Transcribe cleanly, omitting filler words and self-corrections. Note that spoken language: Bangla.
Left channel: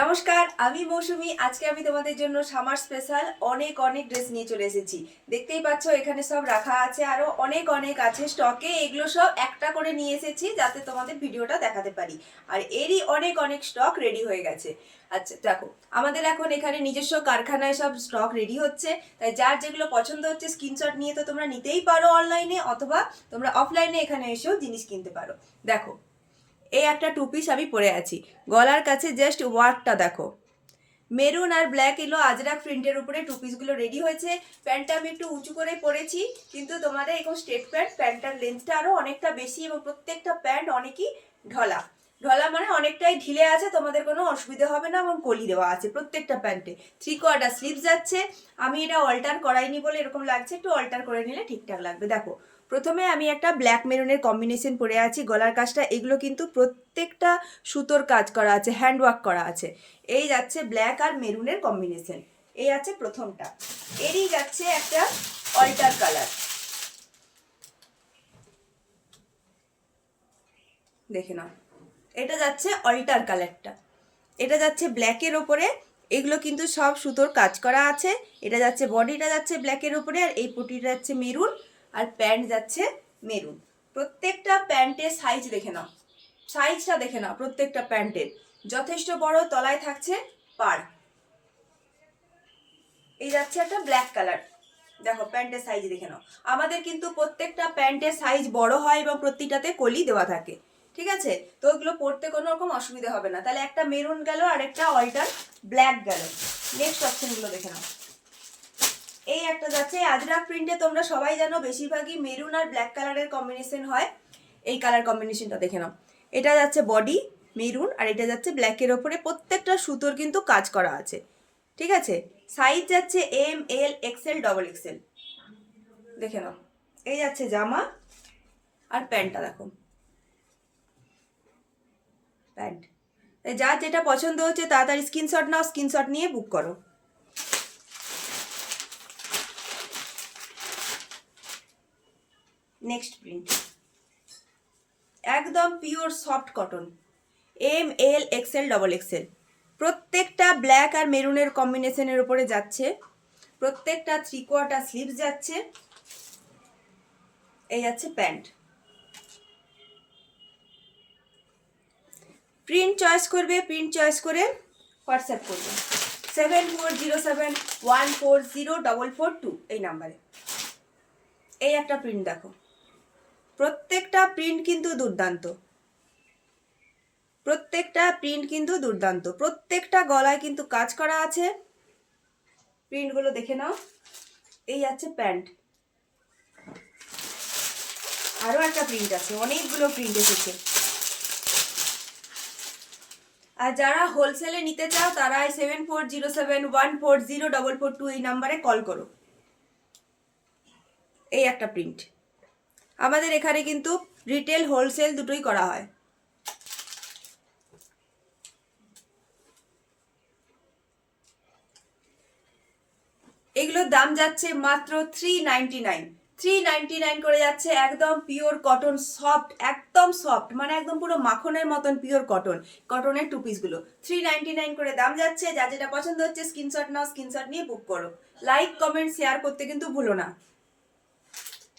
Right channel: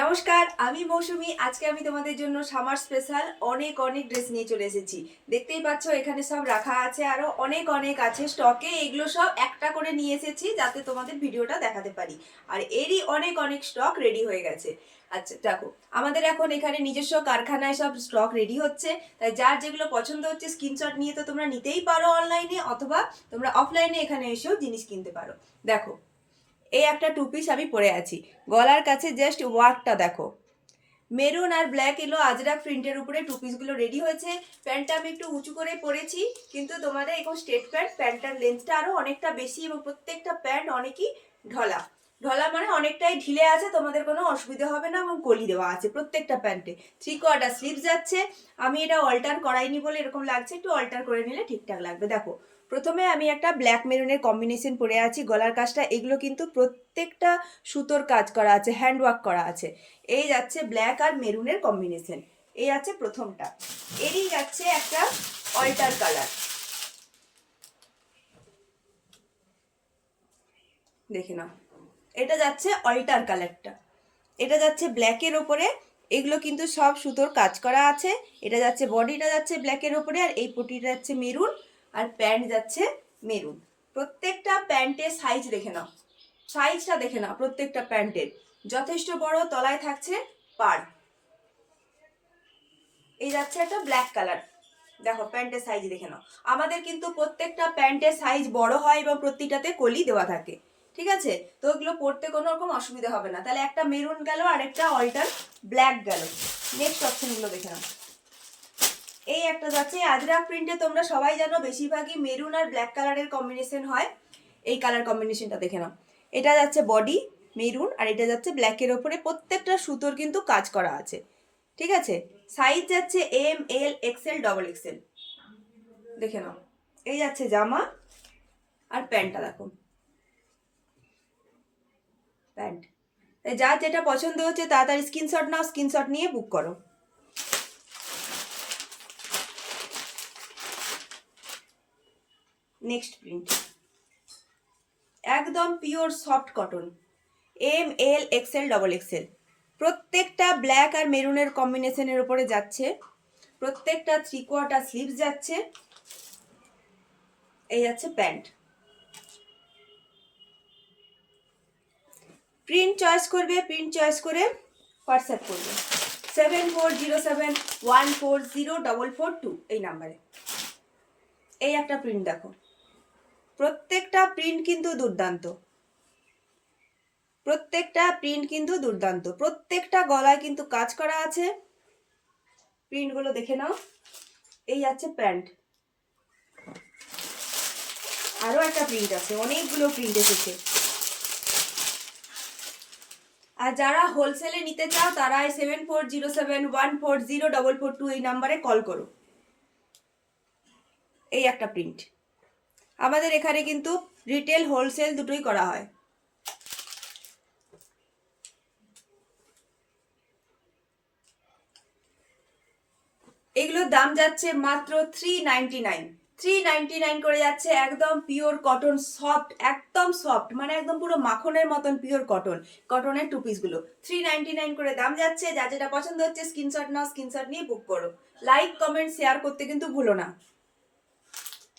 নমস্কার, আমি মৌসুমি। আজকে আমি তোমাদের জন্য সামার স্পেশাল অনেক অনেক ড্রেস নিয়ে চলে এসেছি। দেখতেই পাচ্ছ এখানে সব রাখা আছে, আরো অনেক অনেক আছে স্টকে। এগুলো সব একটা করে নিয়ে এসেছি যাতে তোমাদের ভিডিওটা দেখাতে পারি। আর এরই অনেক অনেক স্টক রেডি হয়ে গেছে। আচ্ছা দেখো, আমাদের এখন এখানে নিজস্ব কারখানায় সব স্টক রেডি হচ্ছে। তাই যার যেগুলো পছন্দ হচ্ছে স্ক্রিনশট নিয়ে তো তোমরা নিতেই পারো অনলাইনে, অথবা তোমরা অফলাইনে এখানে এসেও জিনিস কিনতে পারো। দেখো, এই একটা টু পিস আমি পরে আছি। গলার কাছে জাস্ট ওয়ার্কটা দেখো, মেরুন আর ব্ল্যাক এলো আজরাক প্রিন্টের উপরে টু পিসগুলো রেডি হয়েছে। প্যান্টটা আমি একটু উঁচু করে পরেছি, কিন্তু তোমাদের এখন স্ট্রেট প্যান্ট, প্যান্টটার লেন্থটা আরও অনেকটা বেশি এবং প্রত্যেকটা প্যান্ট অনেকই ঢলা। ঢলা মানে অনেকটাই ঢিলে আছে, তোমাদের কোনো অসুবিধা হবে না। এবং কলি দেওয়া আছে প্রত্যেকটা প্যান্টে। 3/4 স্লিভস যাচ্ছে। আমি এটা অল্টার করাইনি বলে এরকম লাগছে, একটু অল্টার করে নিলে ঠিকঠাক লাগবে। দেখো, প্রথমে আমি একটা ব্ল্যাক মেরুনের কম্বিনেশন পরে আছি। গলার কাজটা এগুলো কিন্তু প্রত্যেকটা সুতোর কাজ করা আছে, হ্যান্ডওয়ার্ক করা আছে। এই যাচ্ছে ব্ল্যাক আর মেরুনের কম্বিনেশন। এই আছে প্রথমটা। এরই যাচ্ছে একটা অল্টার কালার, দেখে নাও। এটা যাচ্ছে অল্টার কালারটা, এটা যাচ্ছে ব্ল্যাকের ওপরে। এগুলো কিন্তু সব সুতোর কাজ করা আছে। এটা যাচ্ছে, বডিটা যাচ্ছে ব্ল্যাকের ওপরে, আর এই পটিটা যাচ্ছে মেরুন, আর প্যান্ট যাচ্ছে মেরুন। প্রত্যেকটা প্যান্টের সাইজ দেখে নাও, সাইজটা দেখে নাও। প্রত্যেকটা প্যান্টের যথেষ্ট বড়, তলায় থাকছে পাড়। এই যাচ্ছে একটা ব্ল্যাক কালার। দেখো প্যান্টের সাইজ দেখে নাও। আমাদের কিন্তু প্রত্যেকটা প্যান্টের সাইজ বড় হয় এবং প্রতিটাতে কলি দেওয়া থাকে, ঠিক আছে? তো ওগুলো পরতে কোনো রকম অসুবিধা হবে না। তাহলে একটা মেরুন গেল আর একটা অল্টার ব্ল্যাক গেল। নেক্সট অপশনগুলো দেখে নাও। এই একটা যাচ্ছে আজরাক প্রিন্টে। তোমরা সবাই জানো বেশিরভাগই মেরুন আর ব্ল্যাক কালারের কম্বিনেশন হয়। এই কালার কম্বিনেশনটা দেখে নাও। এটা যাচ্ছে বডি মেরুন, আর এটা যাচ্ছে ব্ল্যাকের ওপরে। প্রত্যেকটা সুতোর কিন্তু কাজ করা আছে, ঠিক আছে? সাইজ যাচ্ছে এম, এল, এক্সেল, ডবল এক্সেল। দেখে নাও। এই যাচ্ছে জামা, আর প্যান্টটা দেখো, প্যান্ট। যার যেটা পছন্দ হচ্ছে তাড়াতাড়ি স্ক্রিনশট নাও, স্ক্রিনশট নিয়ে বুক করো। নেক্সট প্রিন্ট, একদম পিওর সফট কটন, এম, এল, এক্সেল, ডবল এক্সেল। প্রত্যেকটা ব্ল্যাক আর মেরুনের কম্বিনেশনের উপরে যাচ্ছে। প্রত্যেকটা 3/4 স্লিভস যাচ্ছে। এই যাচ্ছে প্যান্ট। প্রিন্ট চয়েস করবে, প্রিন্ট চয়েস করে হোয়াটসঅ্যাপ করবে 7407140442 এই নাম্বারে। এই একটা প্রিন্ট দেখো, প্রত্যেকটা প্রিন্ট কিন্তু দুর্দান্ত, প্রত্যেকটা প্রিন্ট কিন্তু দুর্দান্ত। প্রত্যেকটা গলায় কিন্তু কাজ করা আছে। প্রিন্টগুলো দেখে নাও। এই আছে প্যান্ট। আরও একটা প্রিন্ট আছে, অনেকগুলো প্রিন্ট এসেছে। আর যারা হোলসেলে নিতে চাও তারা 7407140442 এই নাম্বারে কল করো। এই একটা প্রিন্ট। আমাদের এখানে কিন্তু রিটেল হোলসেল দুটোই করা হয়। এগুলোর দাম যাচ্ছে মাত্র 399। 399 করে যাচ্ছে। একদম পিওর কটন, সফট, একদম সফট, মানে একদম পুরো মাখনের মতন পিওর কটন। কটনের টু পিসগুলো 399 করে দাম যাচ্ছে। যা যেটা পছন্দ হচ্ছে স্ক্রিনশট নাও, স্ক্রিনশট নিয়ে বুক করো। লাইক, কমেন্ট, শেয়ার করতে কিন্তু ভুলো না।